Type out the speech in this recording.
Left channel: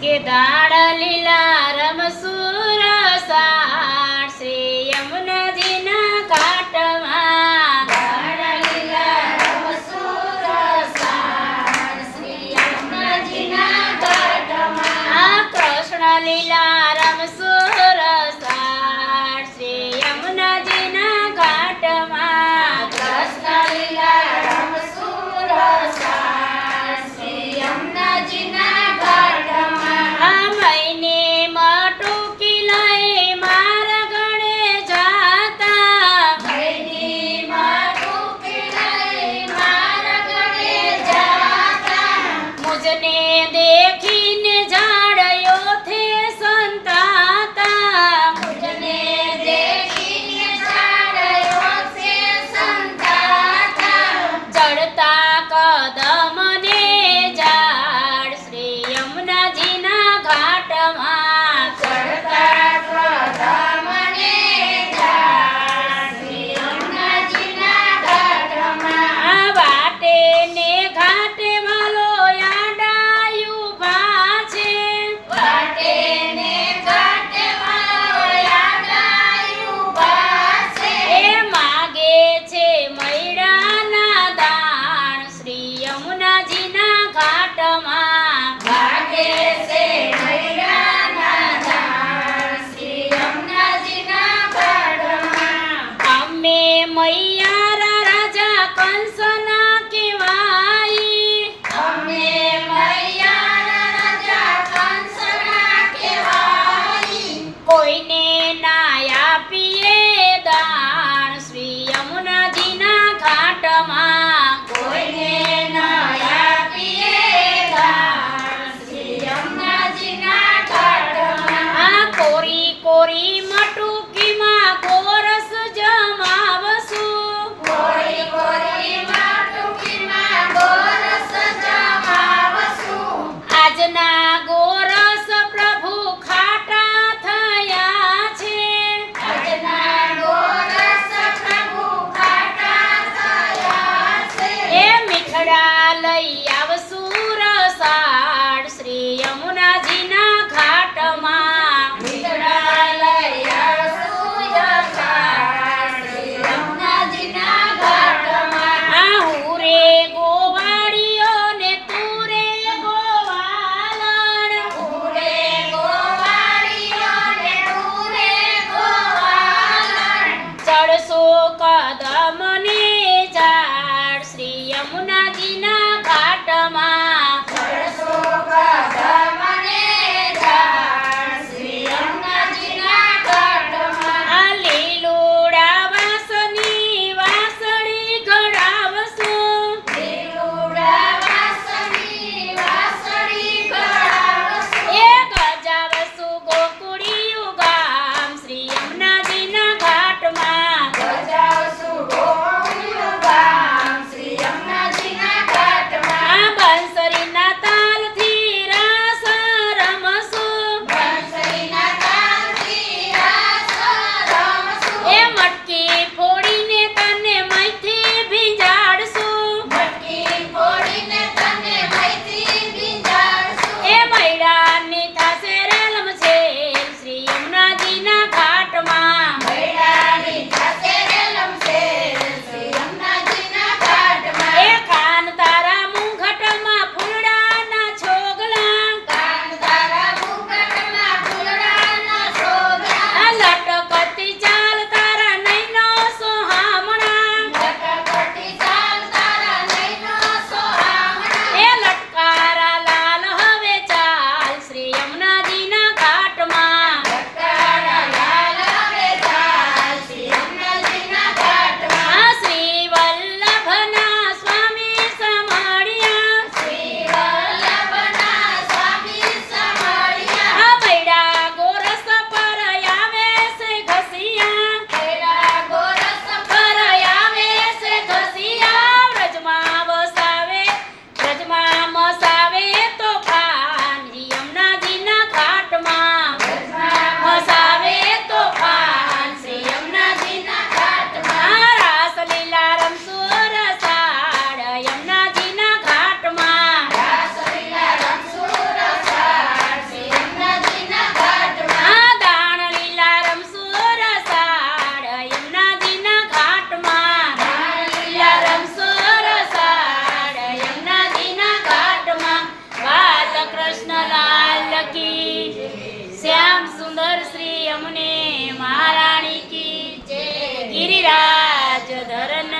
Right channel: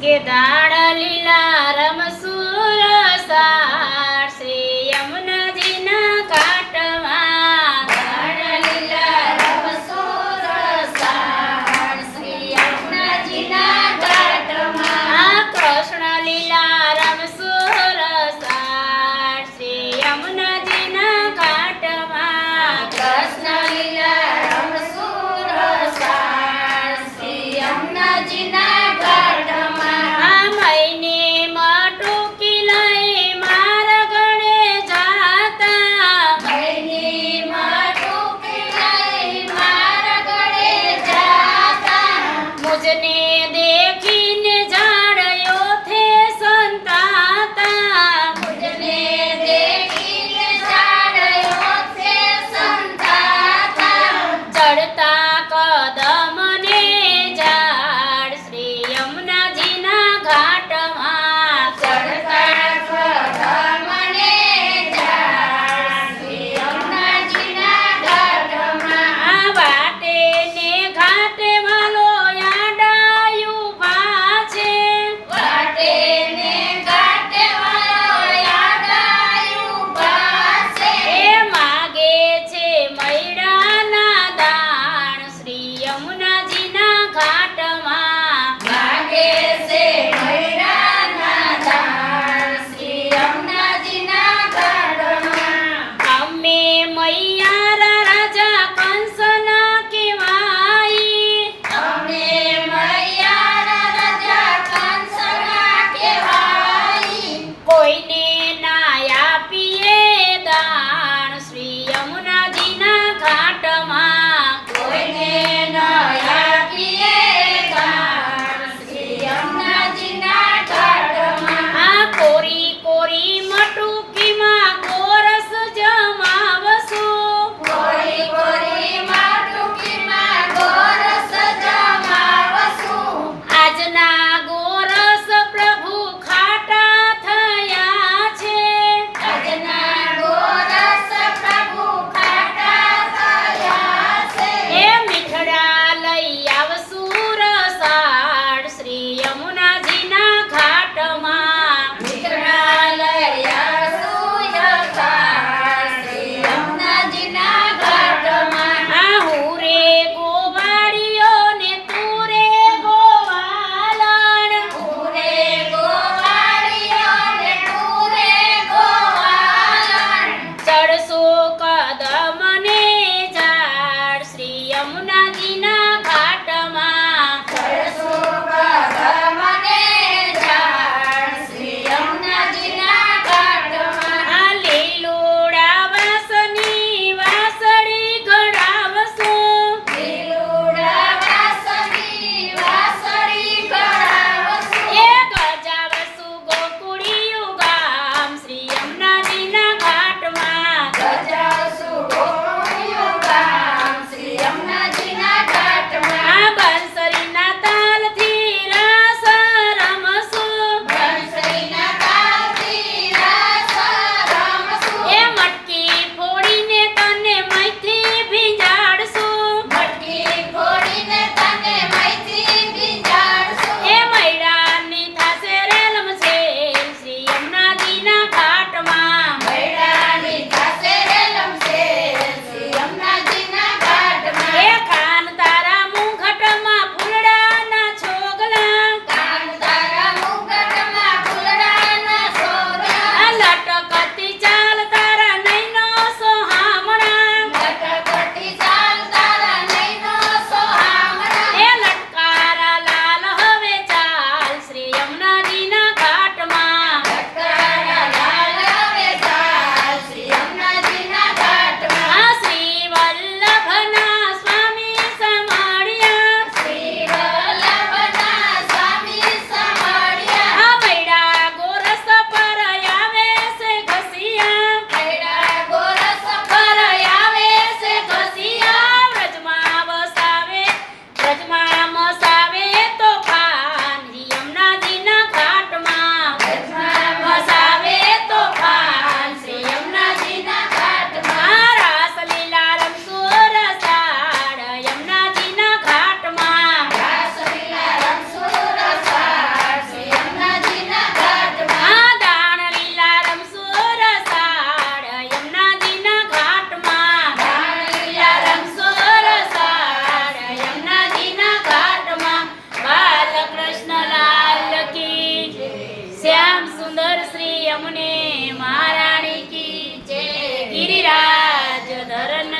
કે દાડા લીલા રમસુર સાર શ્રી યમુનાજીના ઘાટમાં દાડા લીલા રમસુર સાર શ્રી યમુનાજીના ઘાટમાં આ કૃષ્ણ લીલા રમસુર સાર શ્રી યમુનાજીના ઘાટમાં કૃષ્ણ લીલા રમસુર સાર શ્રી યમુનાજીના ઘાટમાં આ મહિને મટુકી લઈ માર ગણે જાતા મૈની મટુકી લઈ માર ગળે જાતા મુજને દેખીને ઝાડયોથે સંતાતા મુજને દેખીને ઝાડયો છે સંતાતા ચડતા કદમને ઝાડ શ્રી યમુનાજીના ઘાટમાં ચડતા કદમને ઝાડ શ્રી યમુનાજીના ઘાટમાં આ વાટે ને ઘાટે વાલો યાડાયું ભા છે વાટે ને ઘાટે વાળો યાદાયું પાસે એ માગે છે મૈડાના દાણ શ્રી યમુનાજીના ઘાટમાં માગે છે મૈડાના દાણ શ્રી યમુનાજીના ઘાટમાં અમે મૈયારા રાજા કંસના કહેવાઈ અમે મૈયારા રાજા કંસના કહેવાઈ કોઈને ના આપીએ દાણ શ્રી યમુનાજીના ઘાટમાં કોઈને ન આપીએ દાણ શ્રી યમુનાજીના ઘાટમાં આ કોરી કોરી મટુકીમાં ગોરસ જમાવશું કોરી કોરી માટુકીમાં ગોરસ જમાવશું આજના ગોરસ પ્રભુ ખાટા થયા છે આજના ગોરસ પ્રભુ ખાટા થયા છે એ મીઠડા લઈ આવશું રસાળ શ્રી યમુનાજીના ઘાટમાં મીઠડા લઈ આવશું યમુને મહારાણી કી જય ગિરિરાજ ધરન